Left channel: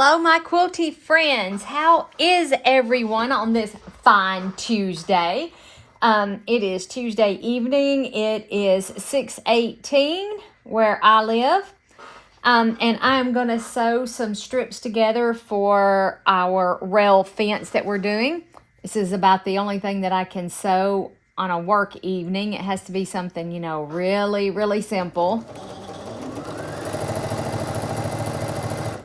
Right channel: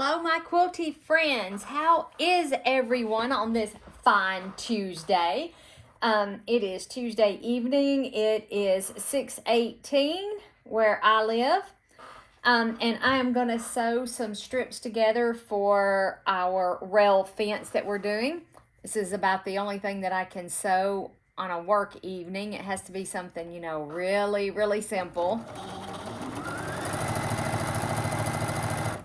Hello, my quilty friends. How is everyone on this fine Tuesday? It is Tuesday evening. It is 6:18 where I live. And I'm going to sew some strips together for our rail fence that we're doing. This is about the only thing that I can sew on a work evening. It has to be something, really, really simple.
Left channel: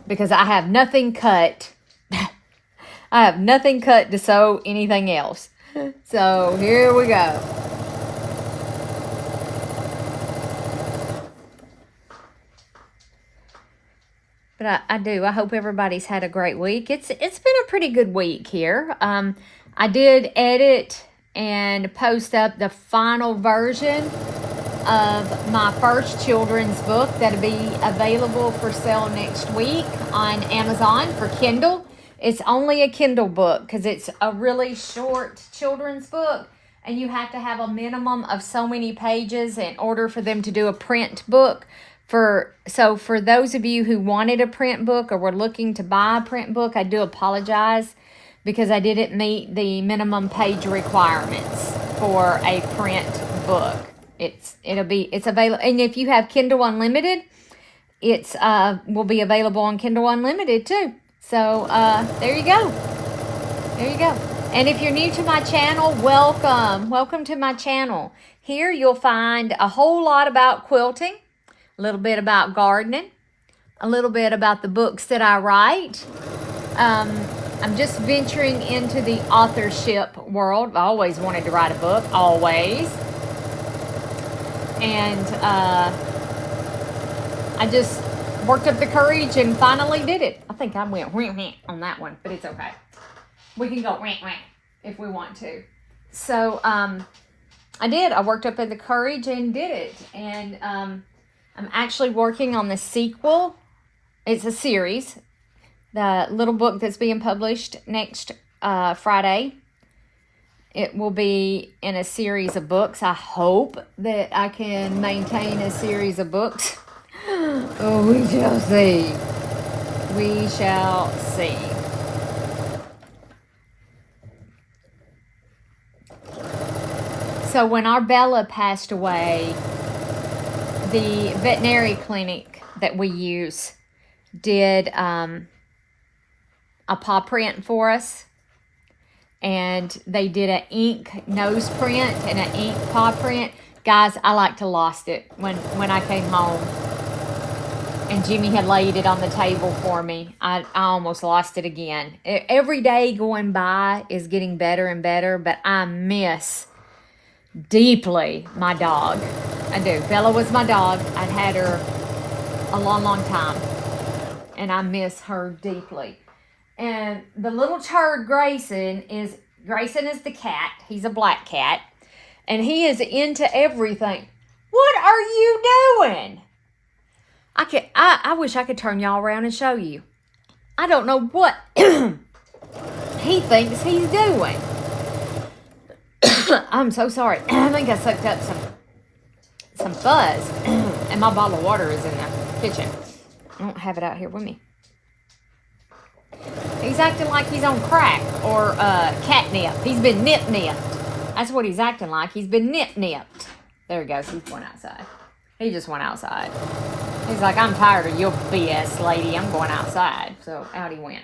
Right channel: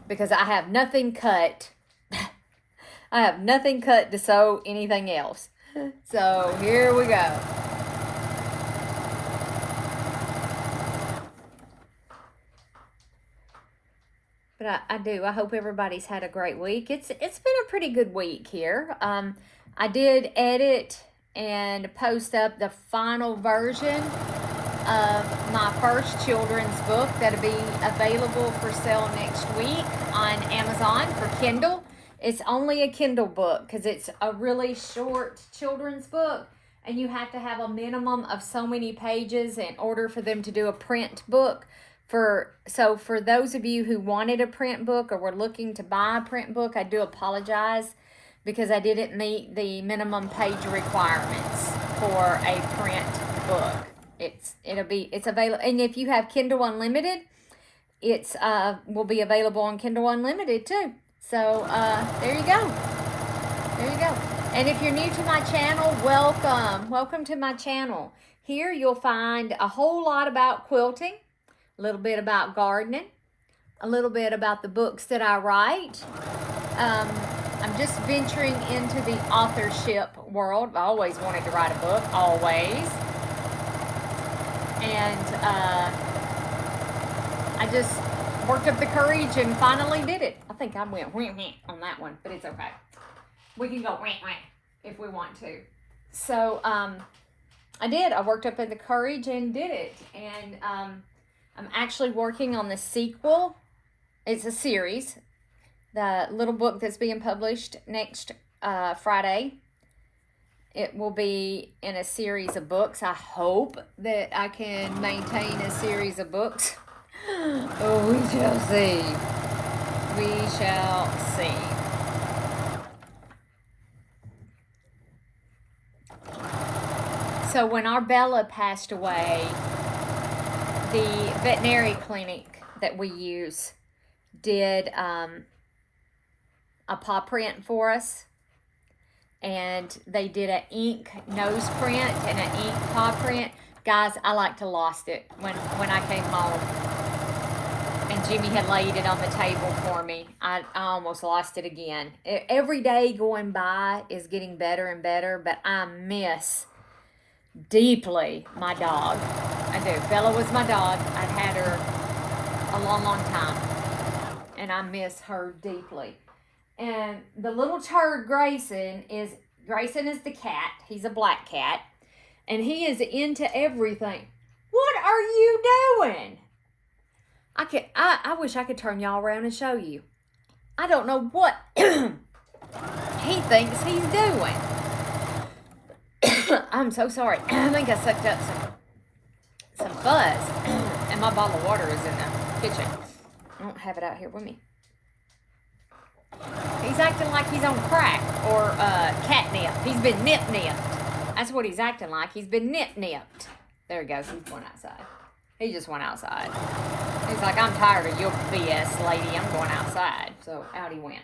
Because I have nothing cut. I have nothing cut to sew anything else. So here we go. But I hope everybody's had a great week. It's been a pretty good week here. I did edit and post up the final version of my first children's book that'll be available for sale next week on Amazon for Kindle. It's only a Kindle book because it's a really short children's book, and you have to have a minimum of so many pages in order for them to do a print book. So for those of you who wanted a print book or were looking to buy a print book, I do apologize because I didn't meet the minimum page requirements for a print book. It's available, and if you have Kindle Unlimited, it's will be available on Kindle Unlimited too. So there you go. There you go. And if you're new to my channel, welcome to my channel. Here you'll find a whole lot about quilting, a little bit about gardening, a little bit about the books that I write. I'm just venturing into the authorship world. I always wanted to write a book, always. And I just worked up the courage and finally did it. I think I went on that one, but it's okay. We can go if we want to. So I did. I worked up the courage and did it. And I'm actually working on the sequel. It's a series. The little book that's being published next Friday. It will be in a series of books. I hope that I can maintain a series of books. Oh, we shall see. We shall see. So when our Bella passed away, the veterinary clinic that we use did a paw print for us. And they did an ink nose print and an ink paw print. Guys, I like to lost it when I came home. And Jimmy had laid it on the table for me. I almost lost it again. Every day going by is getting better and better, but I miss deeply my dog. I do. Bella was my dog. I'd had her a long, long time. And I miss her deeply. And the little turd Grayson is the cat. He's a black cat. And he is into everything. What are you doing? I wish I could turn y'all around and show you. I don't know what he thinks he's doing. I'm so sorry. I think I sucked up some fuzz. And my bottle of water is in the kitchen. I don't have it out here with me. He's acting like he's on crack or catnip. He's been nip-nipped. That's what he's acting like. He's been nip-nipped. There he goes. He's went outside. He just went outside. He's like, I'm tired of your BS, lady. I'm going outside. So out he went.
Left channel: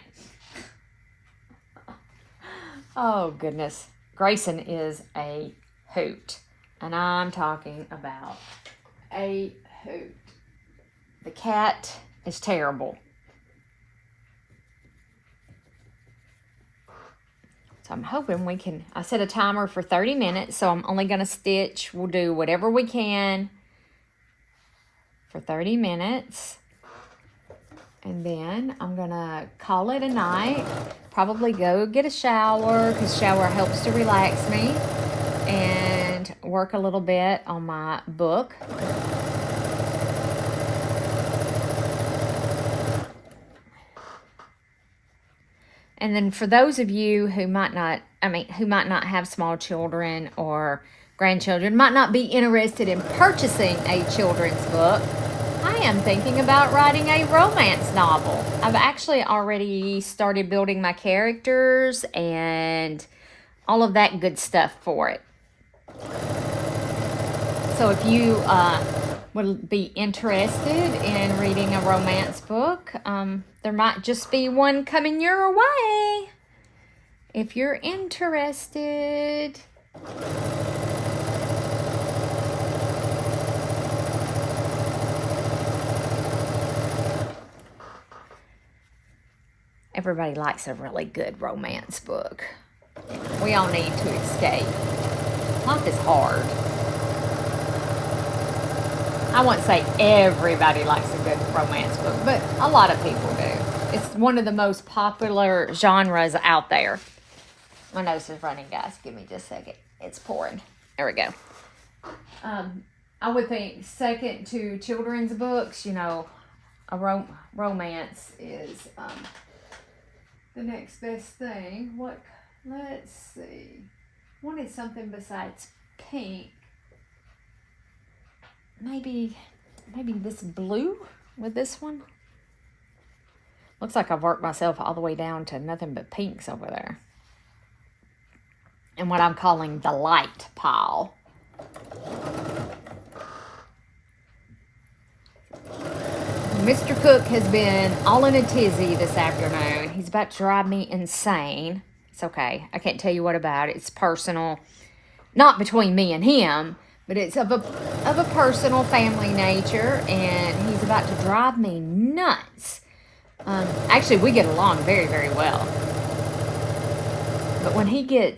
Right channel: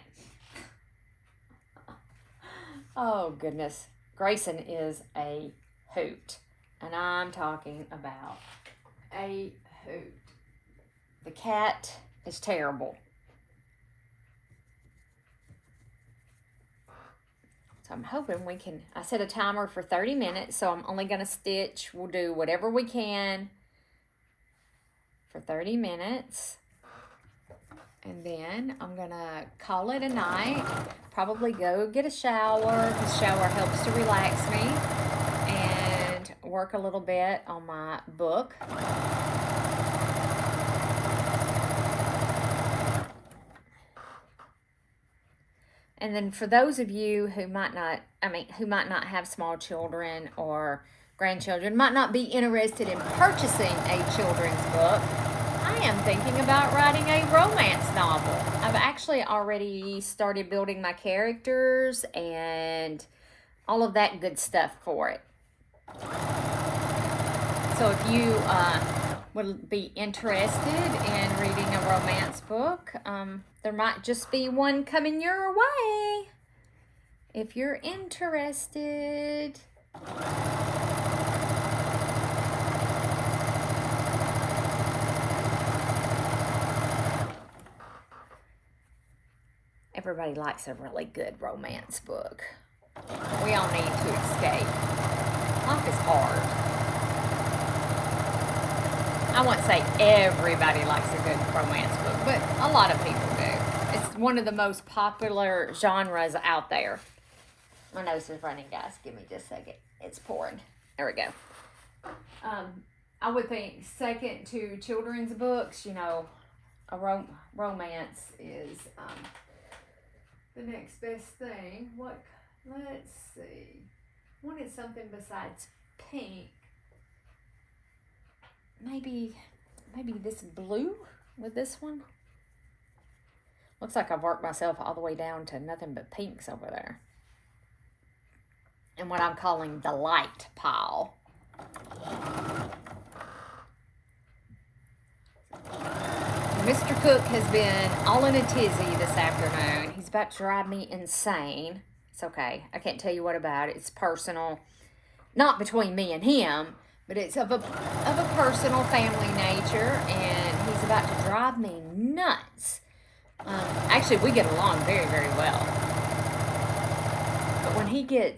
Oh, goodness. Grayson is a hoot. And I'm talking about a hoot. The cat is terrible. So I'm hoping we can, I set a timer for 30 minutes, so I'm only going to stitch. We'll do whatever we can for 30 minutes. And then I'm going to call it a night. Probably go get a shower, because shower helps to relax me. And work a little bit on my book. And then for those of you who might not have small children or grandchildren, might not be interested in purchasing a children's book, I am thinking about writing a romance novel. I've actually already started building my characters and all of that good stuff for it. So if you would be interested in reading a romance book, there might just be one coming your way if you're interested. Everybody likes a really good romance book. We all need to escape. Life is hard. I won't say everybody likes a good romance book, but a lot of people do. It's one of the most popular genres out there. My nose is running, guys. Give me just a second. It's pouring. There we go. I would think second to children's books, you know, a romance is the next best thing. Let's see. Wanted something besides pink. Maybe this blue with this one. Looks like I've worked myself all the way down to nothing but pinks over there. And what I'm calling the light pile. Mr. Cook has been all in a tizzy this afternoon. He's about to drive me insane. It's okay. I can't tell you what about it. It's personal. Not between me and him, but it's of a personal family nature, and he's about to drive me nuts. Actually, we get along very, very well. But when he can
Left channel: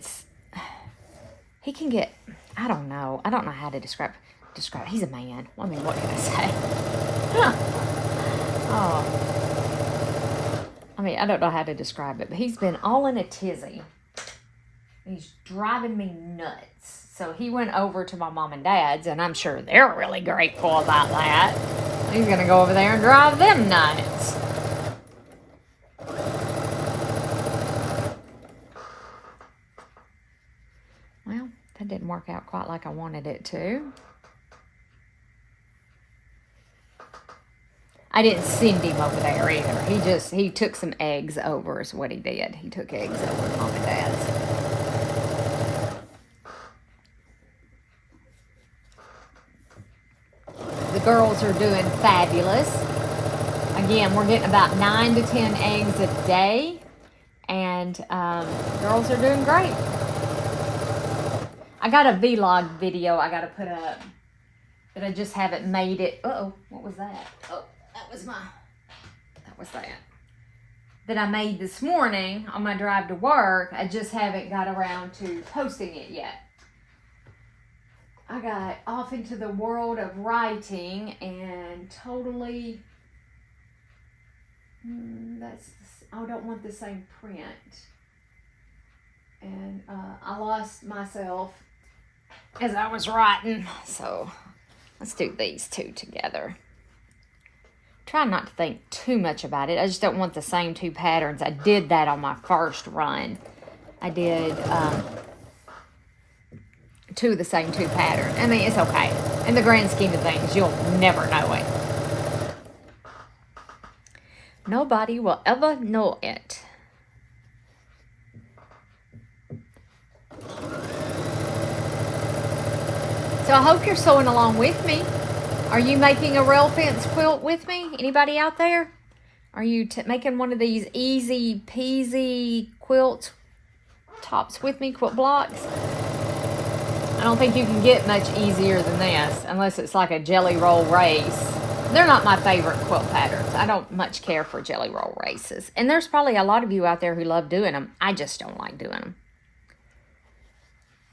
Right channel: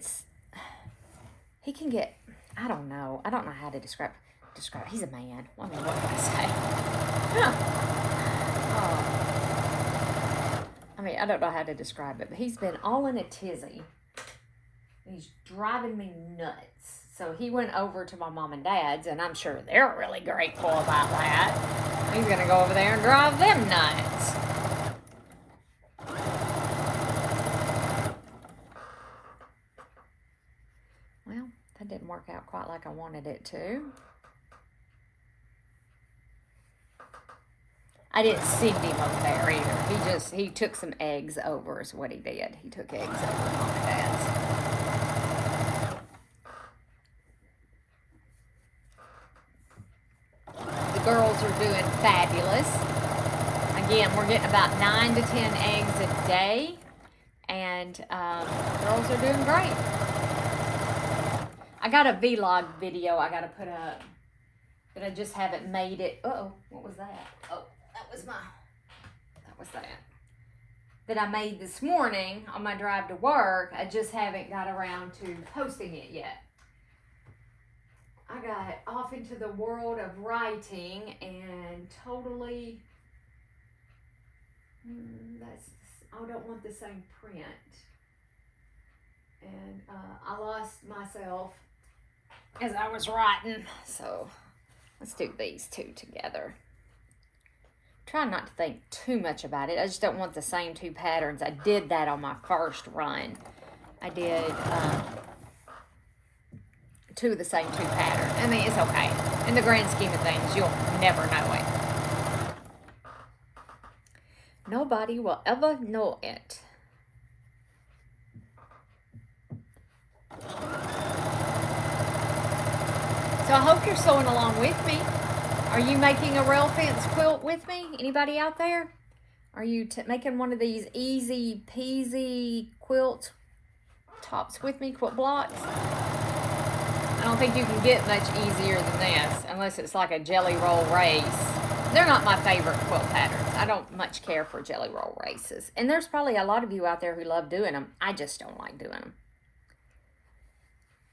get, I don't know how to describe. He's a man. I mean, what can I say? Huh. Oh. I mean, I don't know how to describe it, but he's been all in a tizzy. He's driving me nuts. So he went over to my mom and dad's, and I'm sure they're really grateful about that. He's going to go over there and drive them nuts. Well, that didn't work out quite like I wanted it to. I didn't send him over there either. He took some eggs over is what he did. He took eggs over to Mom and Dad's. The girls are doing fabulous. Again, we're getting about 9 to 10 eggs a day. And girls are doing great. I got a vlog video I got to put up. But I just haven't made it. Uh-oh, what was that? Oh. That was that I made this morning on my drive to work. I just haven't got around to posting it yet. I got off into the world of writing and totally, I don't want the same print. And I lost myself as I was writing. So let's do these two together. Try not to think too much about it. I just don't want the same two patterns. I did that on my first run. I did two of the same two patterns. I mean, it's okay. In the grand scheme of things, you'll never know it. Nobody will ever know it. So I hope you're sewing along with me. Are you making a rail fence quilt with me? Anybody out there? Are you making one of these easy peasy quilt tops with me, quilt blocks? I don't think you can get much easier than this unless it's like a jelly roll race. They're not my favorite quilt patterns. I don't much care for jelly roll races. And there's probably a lot of you out there who love doing them. I just don't like doing them.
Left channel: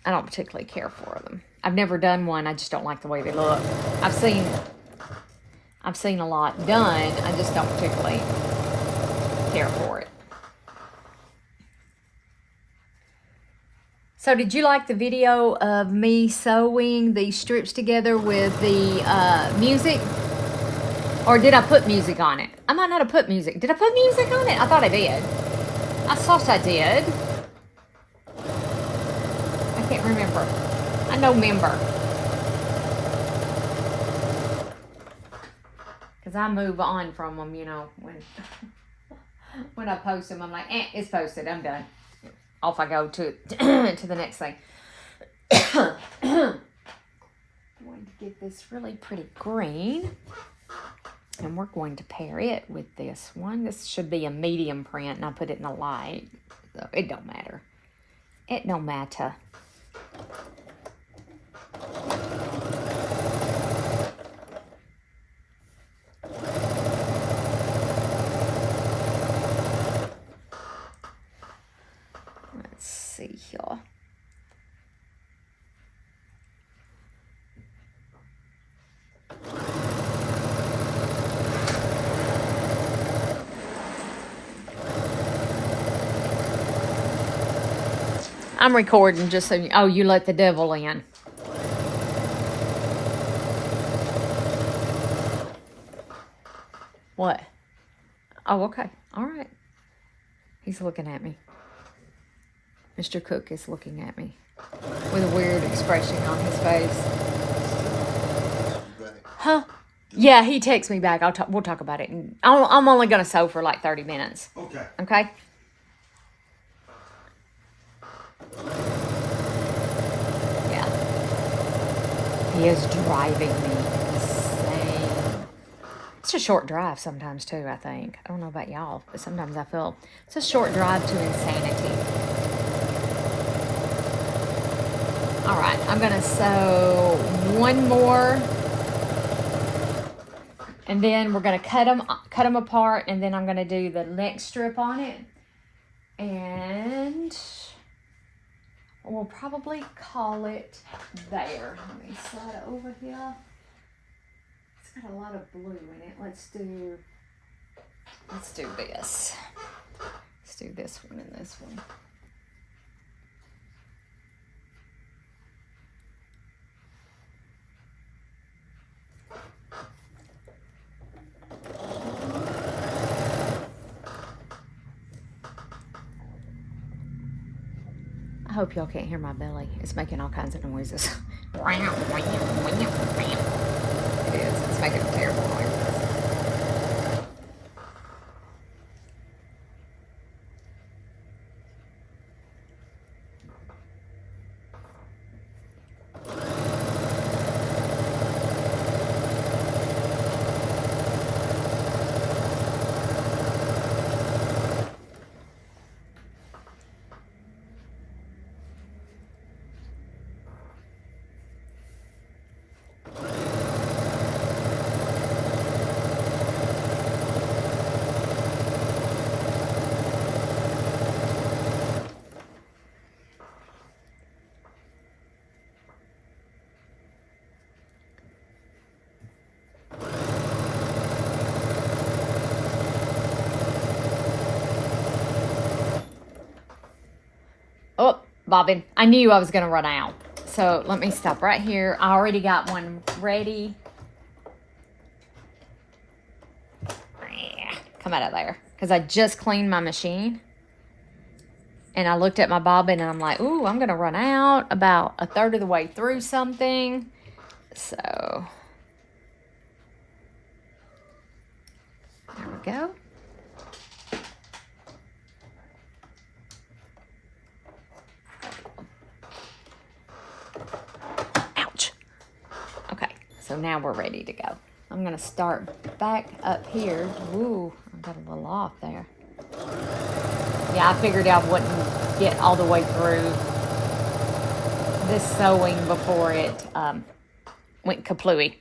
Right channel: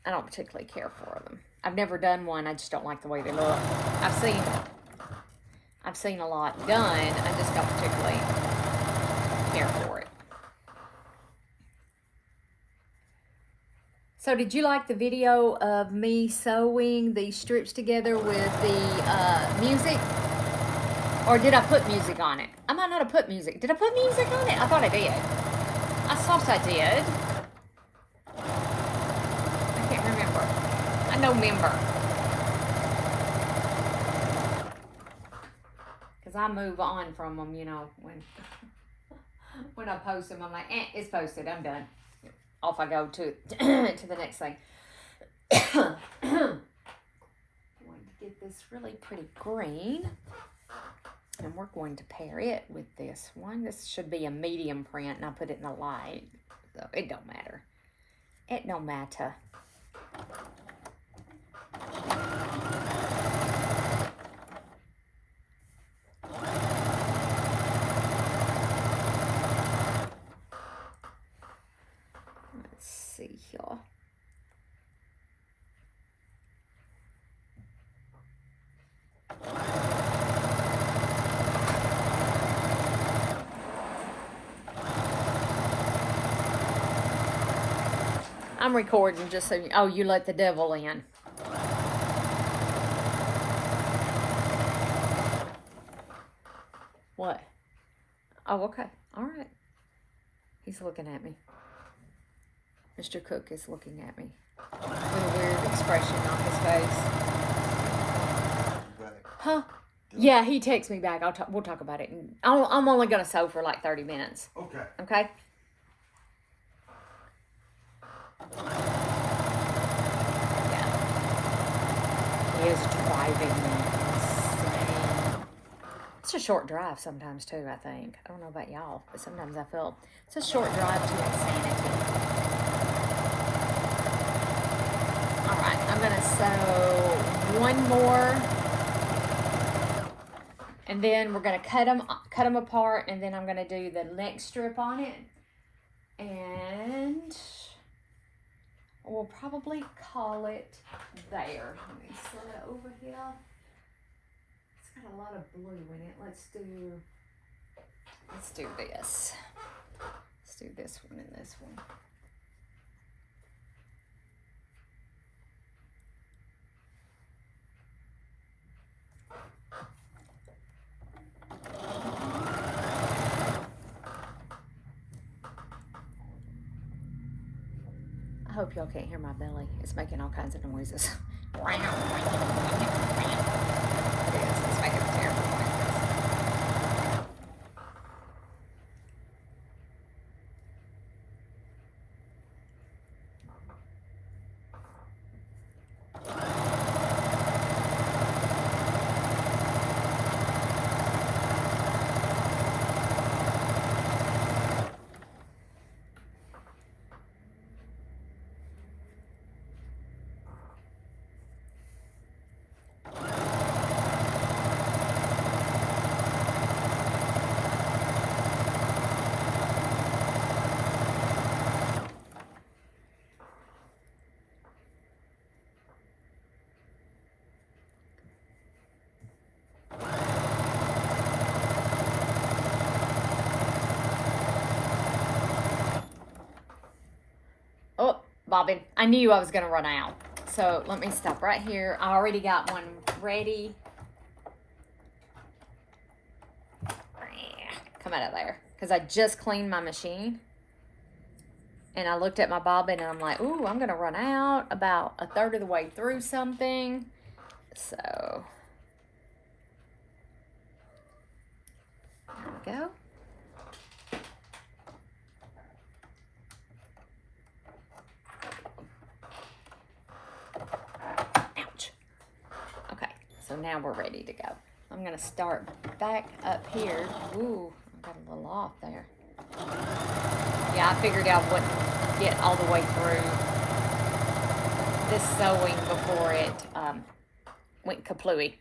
I don't particularly care for them. I've never done one. I just don't like the way they look. I've seen a lot done. I just don't particularly care for it. So did you like the video of me sewing these strips together with the music? Or did I put music on it? I might not have put music. Did I put music on it? I thought I did. I thought I did. I can't remember. I know member. Because I move on from them, you know, when I post them, I'm like, it's posted, I'm done. Off I go to to the next thing. Going to get this really pretty green. And we're going to pair it with this one. This should be a medium print, and I put it in the light. So it don't matter. It don't matter. Let's see here. I'm recording just so you, oh, you let the devil in. What? Oh, okay. All right. He's looking at me. Mr. Cook is looking at me with a weird expression on his face. Huh? Yeah, he texts me back. We'll talk about it. And I'm only going to sew for like 30 minutes. Okay. Okay? Yeah. He is driving me insane. It's a short drive sometimes too, I think. I don't know about y'all, but sometimes I feel it's a short drive to insanity. All right, I'm gonna sew one more, and then we're gonna cut them apart, and then I'm gonna do the next strip on it, and we'll probably call it there. Let me slide it over here. It's got a lot of blue in it. Let's do this. Let's do this one and this one. I hope y'all can't hear my belly. It's making all kinds of noises. It is. It's making terrible noises. Oh, bobbin. I knew I was going to run out. So let me stop right here. I already got one ready. Come out of there. Because I just cleaned my machine. And I looked at my bobbin and I'm like, ooh, I'm going to run out about a third of the way through something. So there we go. Ouch. Okay, so now we're ready to go. I'm going to start back up here. Ooh, I got a little off there. Yeah, I figured I wouldn't get all the way through this sewing before it went kaplooey.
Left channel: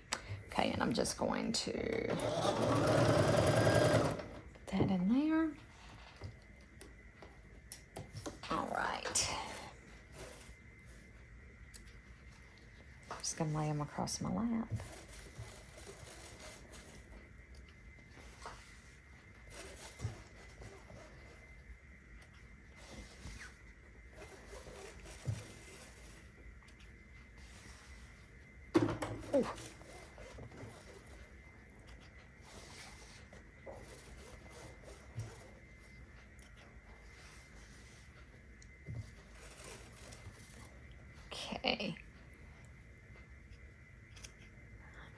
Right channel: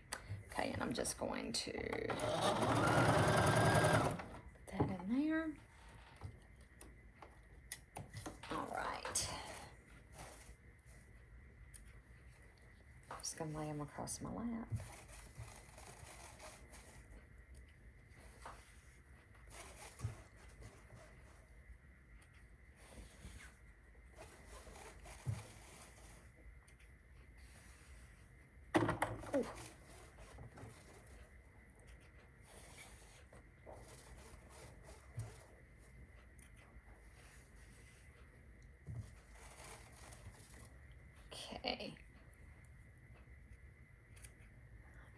Okay, and I'm just going to put that in there. All right. Just gonna lay them across my lap. Ooh. Okay.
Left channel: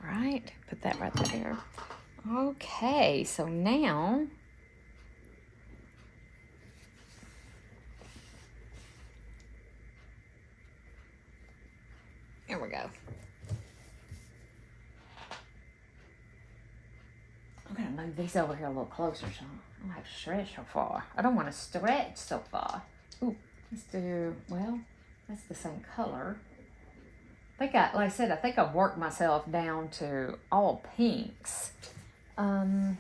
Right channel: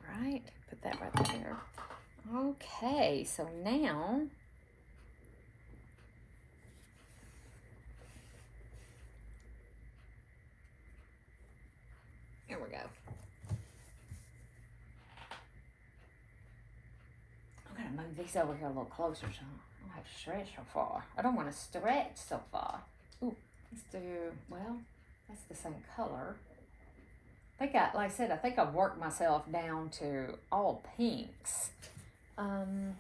All right, put that right there. Okay, so now here we go. I'm gonna move these over here a little closer so I don't have to stretch so far. I don't want to stretch so far. Ooh, let's do, well, that's the same color. I think like I said, I think I worked myself down to all pinks. And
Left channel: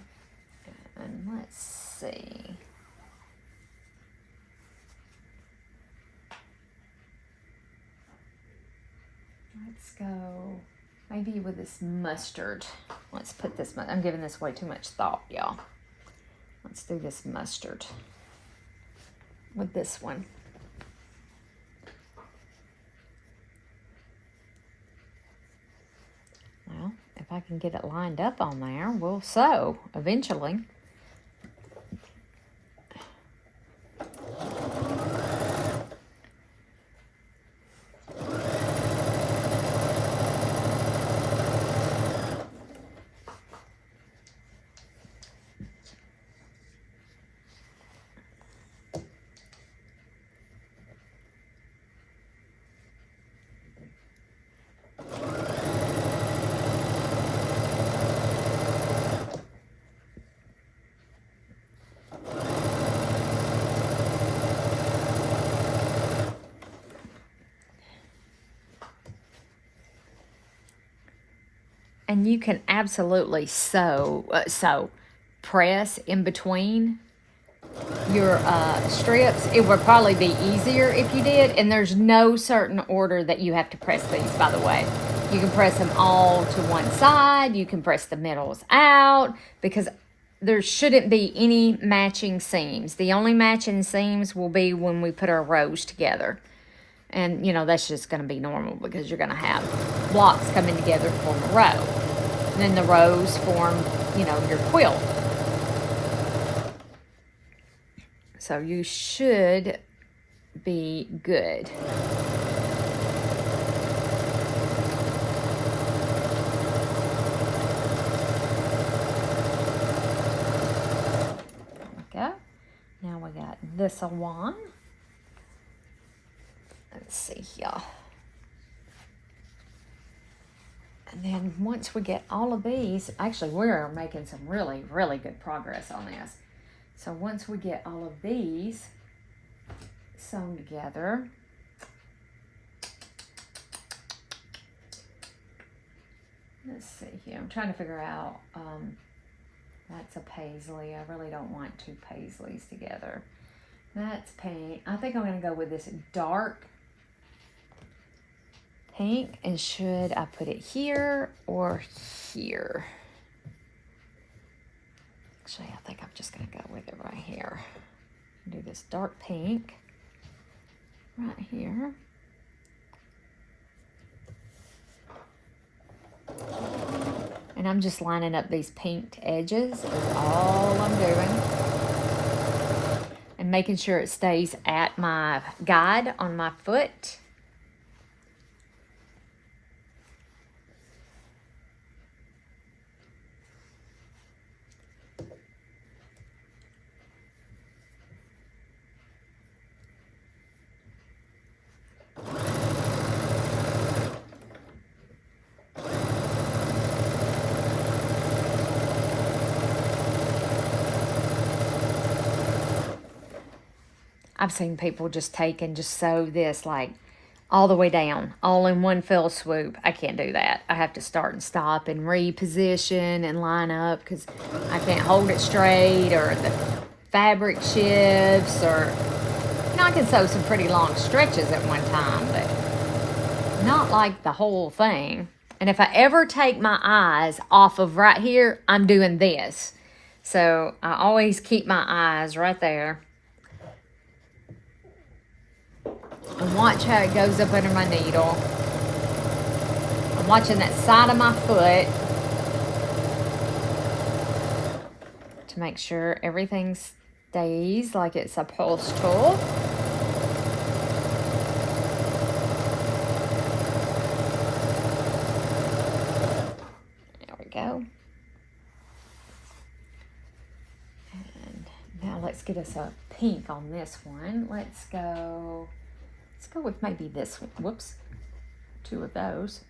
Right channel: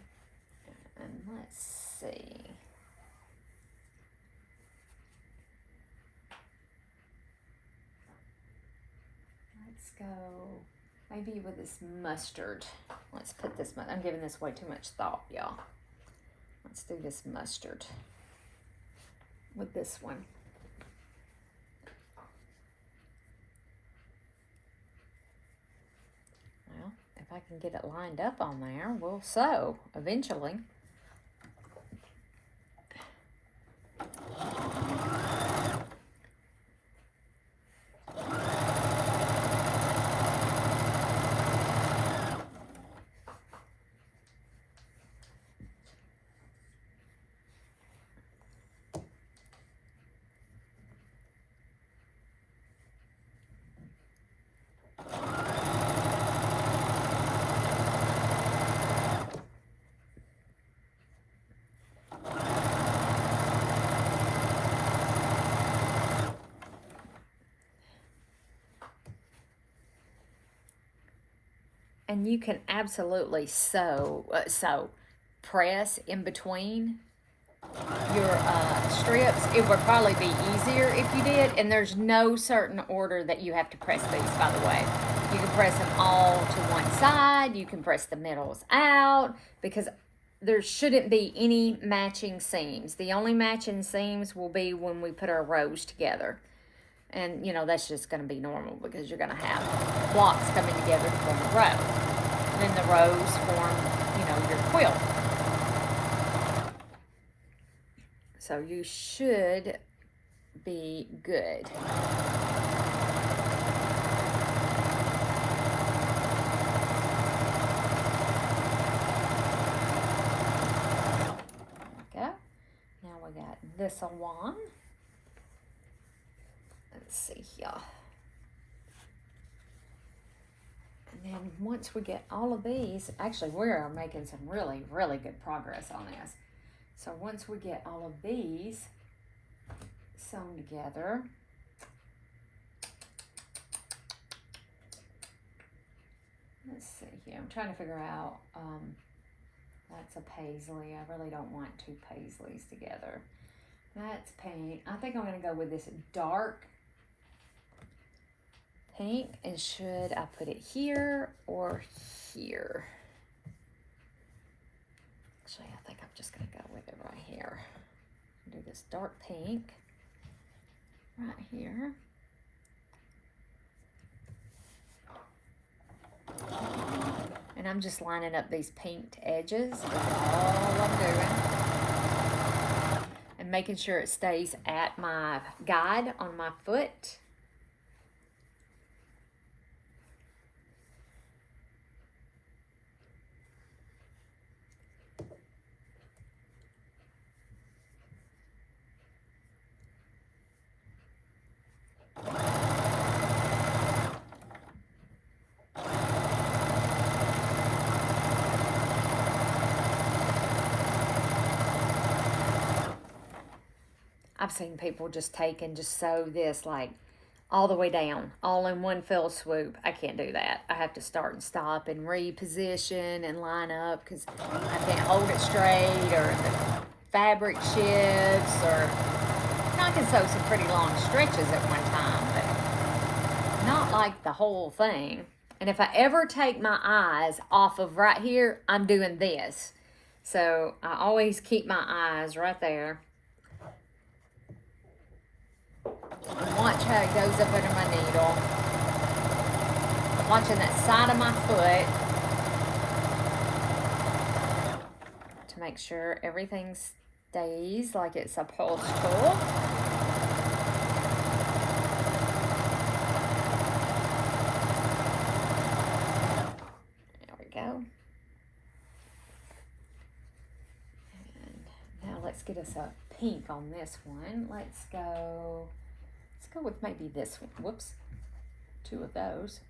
let's see. Let's go maybe with this mustard. Let's put this, I'm giving this way too much thought, y'all. Let's do this mustard with this one. Well, if I can get it lined up on there, we'll sew eventually. And you can absolutely press in between your strips. It would probably be easier if you did. And there's no certain order that you have to press these, by the way. You can press them all to one side. You can press the middles out because there shouldn't be any matching seams. The only matching seams will be when we put our rows together. And, you know, that's just going to be normal because you're going to have blocks coming together to form a row. And then the rows form, you know, your quilt. So you should be good. There we go. Now we got this one. Let's see here. And then once we get all of these, actually we're making some really, really good progress on this. So once we get all of these sewn together, let's see here. I'm trying to figure out, that's a paisley. I really don't want two paisleys together. That's pink. I think I'm going to go with this dark pink, and should I put it here or here? Actually, I think I'm just going to go with it right here. Do this dark pink right here. And I'm just lining up these pinked edges. That's all I'm doing. And making sure it stays at my guide on my foot. I've seen people just take and just sew this like all the way down, all in one fell swoop. I can't do that. I have to start and stop and reposition and line up because I can't hold it straight, or the fabric shifts, or I can sew some pretty long stretches at one time, but not like the whole thing. And if I ever take my eyes off of right here, I'm doing this. So I always keep my eyes right there. And watch how it goes up under my needle. I'm watching that side of my foot to make sure everything stays like it's supposed to. There we go. let's get us a pink on this one. Let's go with maybe this one. Whoops, 2 of those.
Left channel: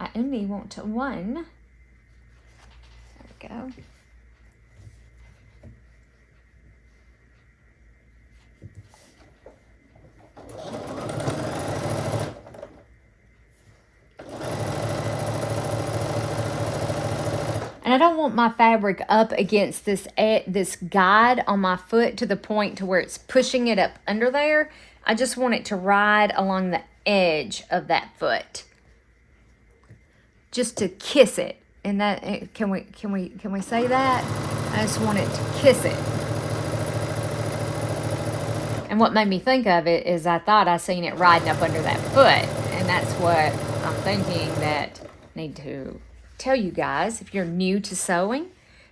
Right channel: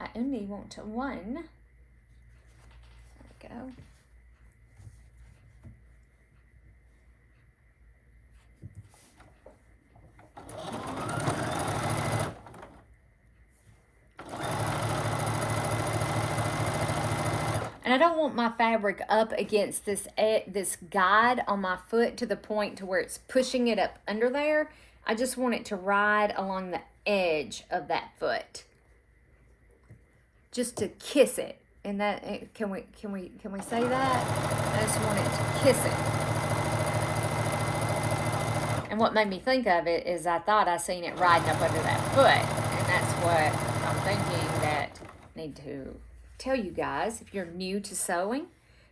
I only want to 1. There we go. And I don't want my fabric up against this guide on my foot to the point to where it's pushing it up under there. I just want it to ride along the edge of that foot, just to kiss it. And that, can we say that? I just want it to kiss it. And what made me think of it is I thought I seen it riding up under that foot, and that's what I'm thinking that I need to tell you guys. If you're new to sewing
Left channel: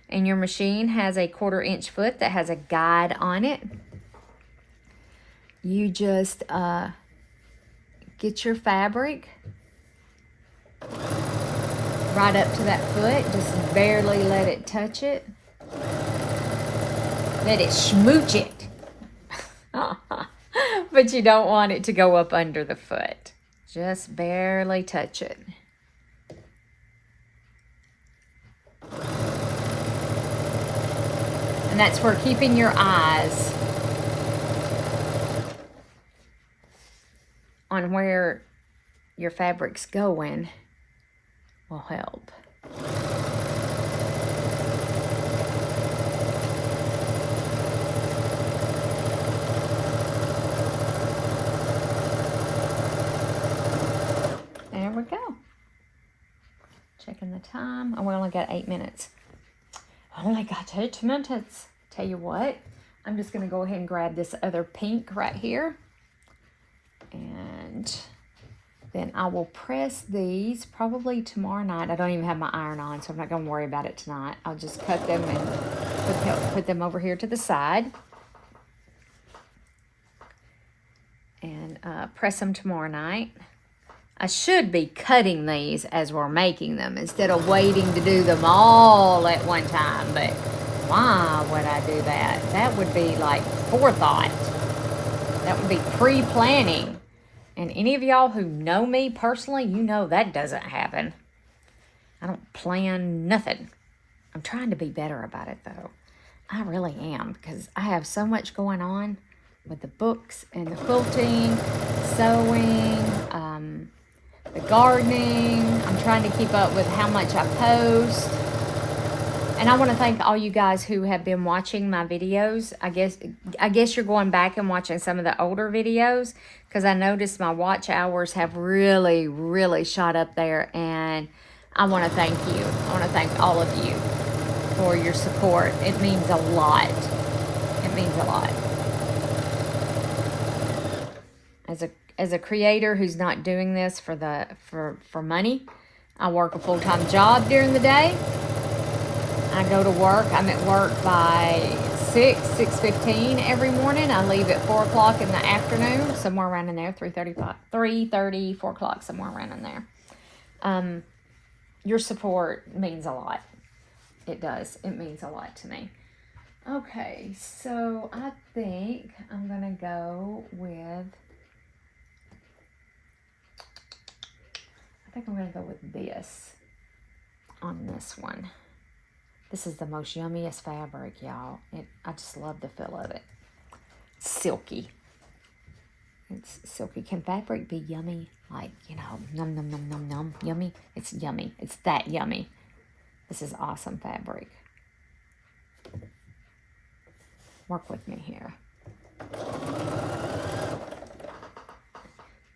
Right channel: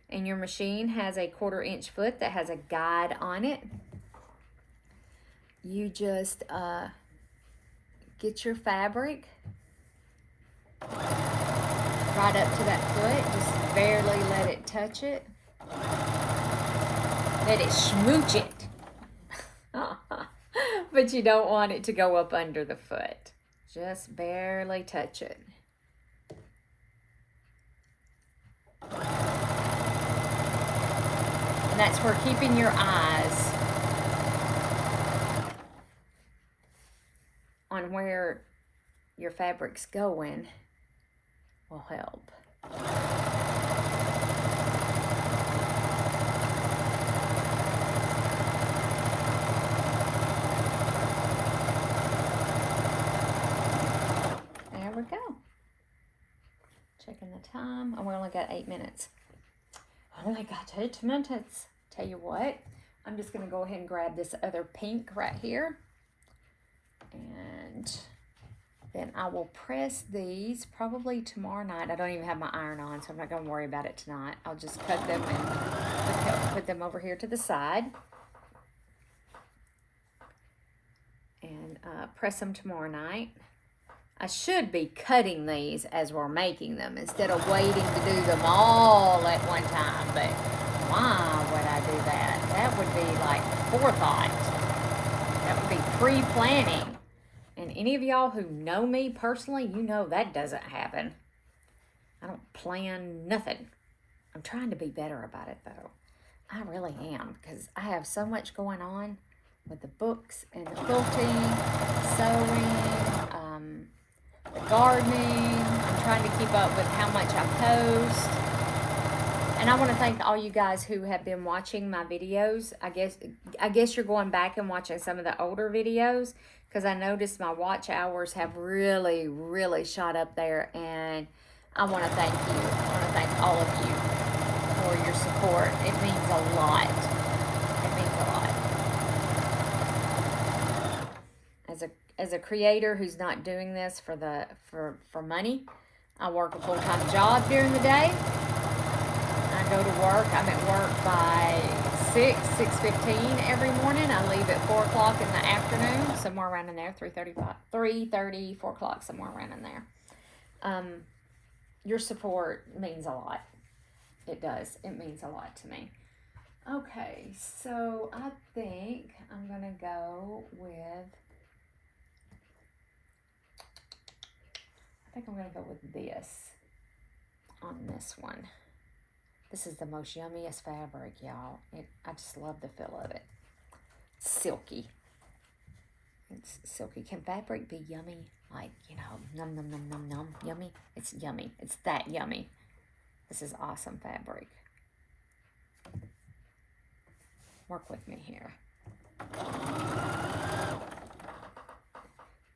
and your machine has a 1/4 inch foot that has a guide on it, you just get your fabric right up to that foot, just barely let it touch it, let it smooch it. But you don't want it to go up under the foot, just barely touch it. And that's where keeping your eyes on where your fabric's going will help. There we go. Checking the time. Oh, we only got 8 minutes. I only got 8 minutes. Tell you what, I'm just going to go ahead and grab this other pink right here. And then I will press these probably tomorrow night. I don't even have my iron on, so I'm not going to worry about it tonight. I'll just cut them and put them over here to the side. And press them tomorrow night. I should be cutting these as we're making them instead of waiting to do them all at one time. But why would I do that? That would be like forethought. That would be pre-planning. And any of y'all who know me personally, you know that doesn't happen. I don't plan nothing. I'm trying to be better about it though. I really am, because I have so much going on with the books and the quilting, sewing, the gardening. I'm trying to keep up with how much I post. And I want to thank all you guys who have been watching my videos. I guess you're going back and watching some of the older videos, because I noticed my watch hours have really, really shot up there. And I want to thank you. I want to thank all of you for your support. It means a lot. It means a lot. As a creator who's not doing this for money, I work a full-time job during the day. I go to work. I'm at work by 6:15 every morning. I leave at 4 o'clock in the afternoon, somewhere around in there, 3:30, 4 o'clock, somewhere around in there. Your support means a lot. It does. It means a lot to me. Okay, so I think I'm going to go with... I think I'm going to go with this on this one. This is the most yummiest fabric, y'all. I just love the feel of it. Silky. It's silky. Can fabric be yummy? Like, you know, num, num, num, num, num, yummy? It's yummy. It's that yummy. This is awesome fabric. Work with me here.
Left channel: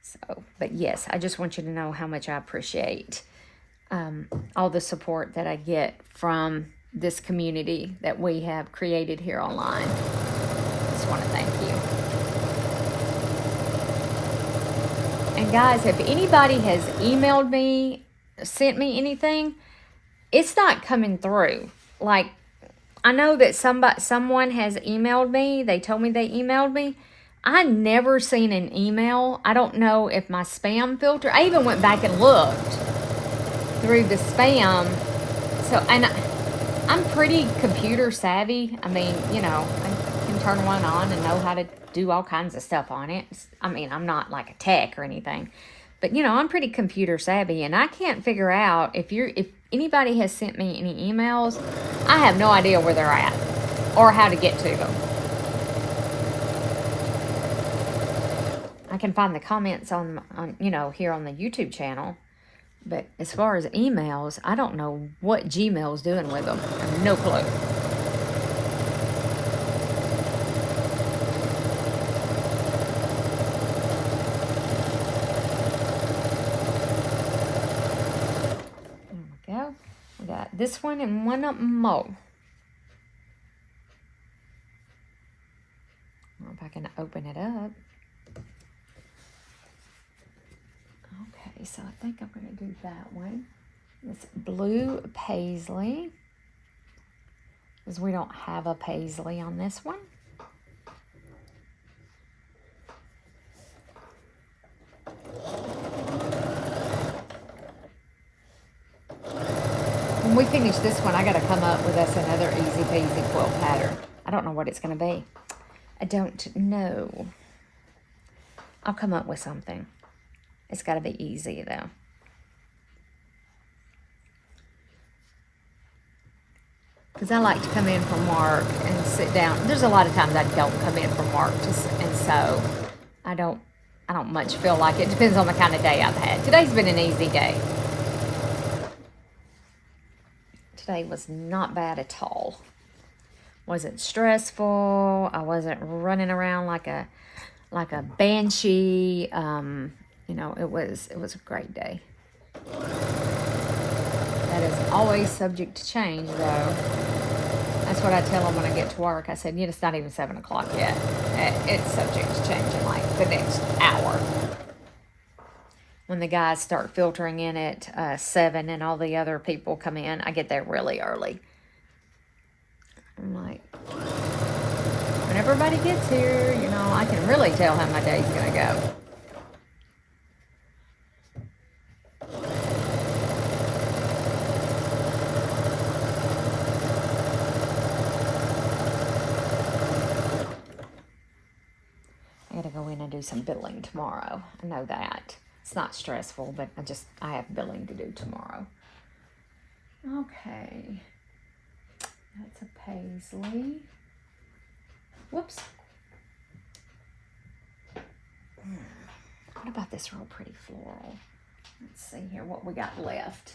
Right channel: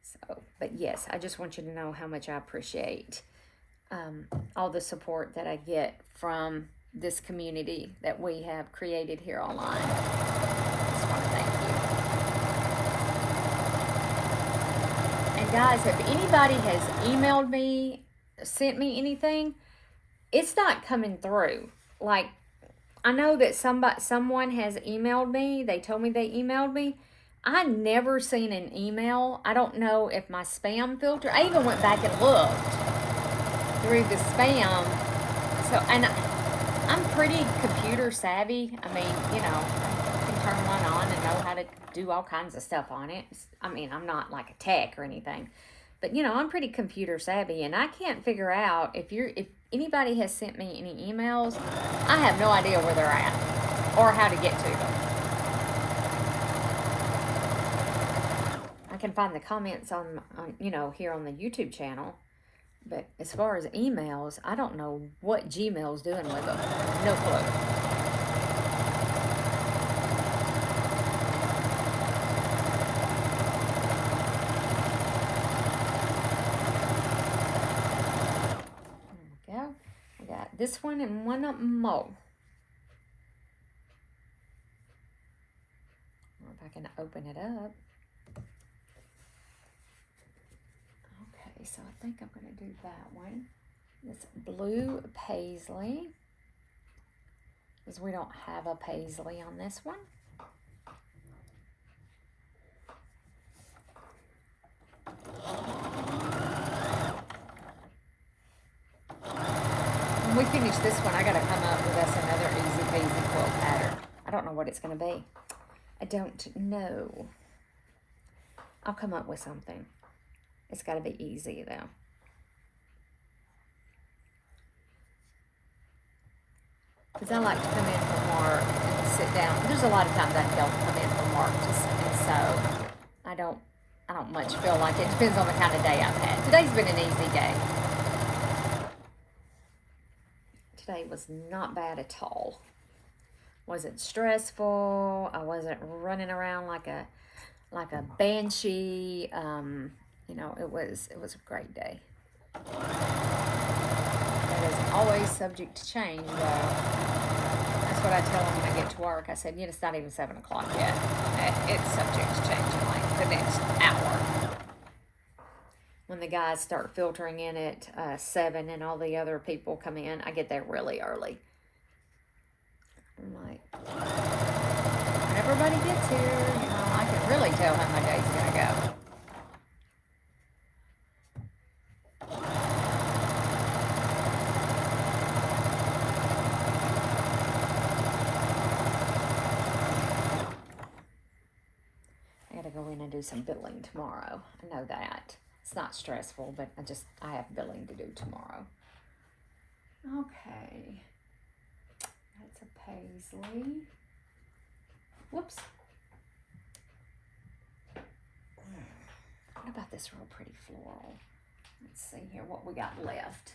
So, but yes, I just want you to know how much I appreciate all the support that I get from this community that we have created here online. Just want to thank you. And guys, if anybody has emailed me, sent me anything, it's not coming through. Like, I know that someone has emailed me. They told me they emailed me. I never seen an email. I don't know if my spam filter, I even went back and looked through the spam. So, and I'm pretty computer savvy. I mean, you know, can turn one on and know how to do all kinds of stuff on it. I mean, I'm not like a tech or anything, but you know, I'm pretty computer savvy, and I can't figure out if anybody has sent me any emails. I have no idea where they're at or how to get to them. I can find the comments on you know, here on the YouTube channel, but as far as emails, I don't know what Gmail's doing with them. No clue. There we go. We got this one and one more. If I can open it up. Okay, so I think I'm going to do that one. This blue paisley, because we don't have a paisley on this one. When we finish this one, I got to come up with us another easy peasy quilt pattern. I don't know what it's going to be. I don't know. I'll come up with something. It's got to be easy, though. Because I like to come in from work and sit down. There's a lot of times I don't come in from work and sew. I don't much feel like it. Depends on the kind of day I've had. Today's been an easy day. Today was not bad at all. Wasn't stressful. I wasn't running around like a banshee. You know, it was a great day. That is always subject to change, though. That's what I tell them when I get to work. I said, it's not even 7 o'clock yet. It's subject to change in like the next hour. When the guys start filtering in at 7 and all the other people come in, I get there really early. I'm like, when everybody gets here, you know, I can really tell how my day's going to go. I got to go in and do some billing tomorrow. I know that. It's not stressful, but I have billing to do tomorrow. Okay. That's a paisley. Whoops. What about this real pretty floral? Let's see here what we got left.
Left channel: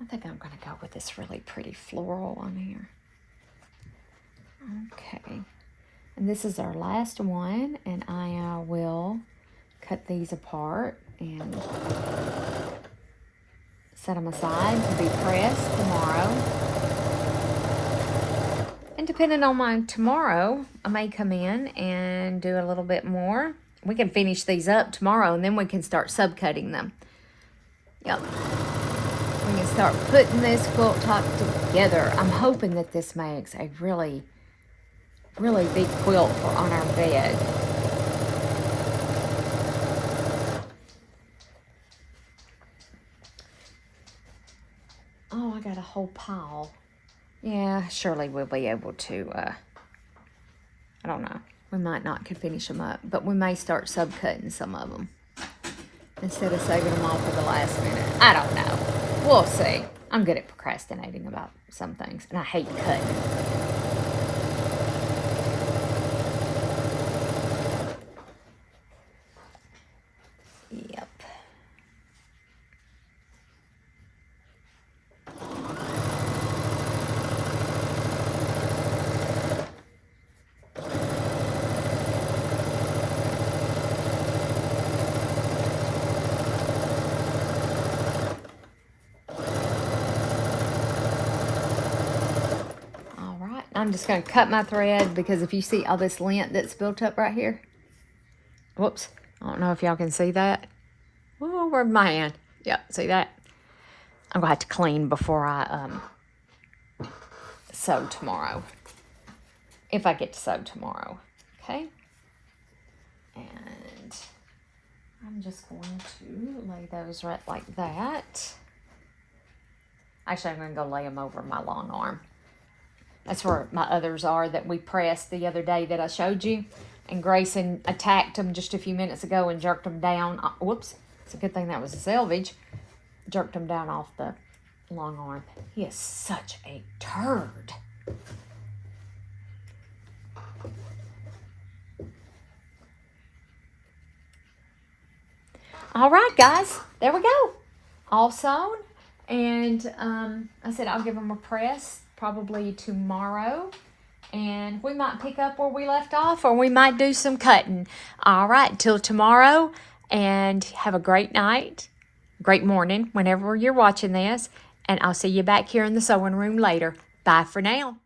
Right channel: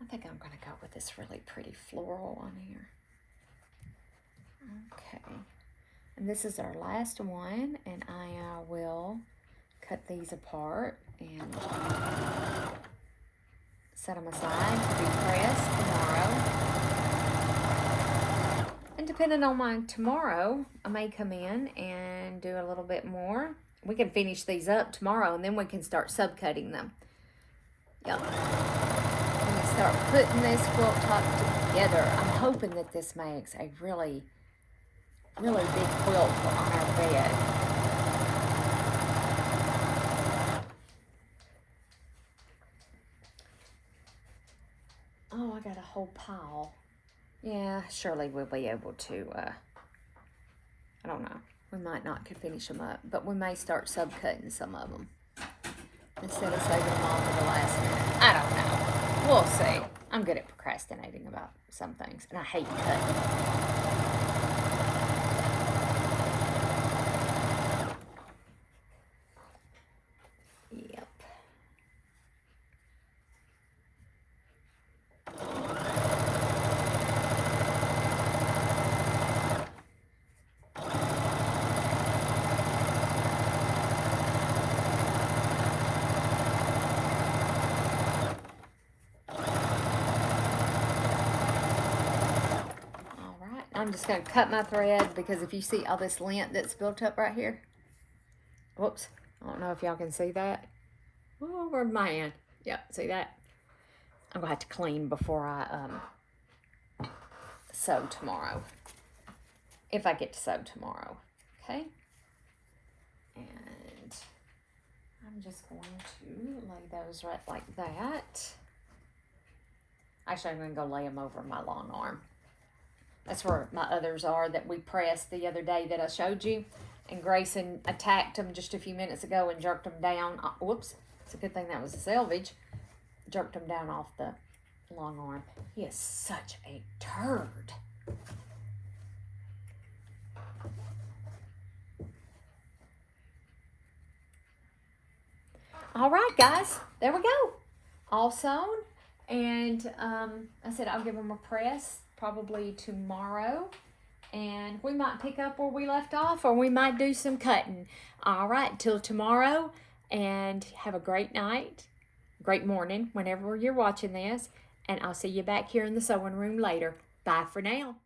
I think I'm going to go with this really pretty floral on here. Okay. And this is our last one, and I will cut these apart and set them aside to be pressed tomorrow. And depending on my tomorrow, I may come in and do a little bit more. We can finish these up tomorrow, and then we can start subcutting them. Yep. We can start putting this quilt top together. I'm hoping that this makes a really big quilt on our bed. Oh, I got a whole pile. Yeah, surely we'll be able to, I don't know. We might not could finish them up, but we may start subcutting some of them instead of saving them all for the last minute. I don't know. We'll see. I'm good at procrastinating about some things, and I hate cutting. Yep. I'm just going to cut my thread, because if you see all this lint that's built up right here. Whoops. I don't know if y'all can see that. Oh, where'd my hand? Yep, see that? I'm going to have to clean before I sew tomorrow. If I get to sew tomorrow. Okay? And I'm just going to lay those right like that. Actually, I'm going to go lay them over my long arm. That's where my others are that we pressed the other day that I showed you. And Grayson attacked them just a few minutes ago and jerked them down. Whoops. It's a good thing that was a selvage. Jerked them down off the long arm. He is such a turd. All right, guys. There we go. All sewn. And I said I'll give them a press probably tomorrow. And we might pick up where we left off, or we might do some cutting. All right, till tomorrow. And have a great night. Great morning whenever you're watching this. And I'll see you back here in the sewing room later. Bye for now.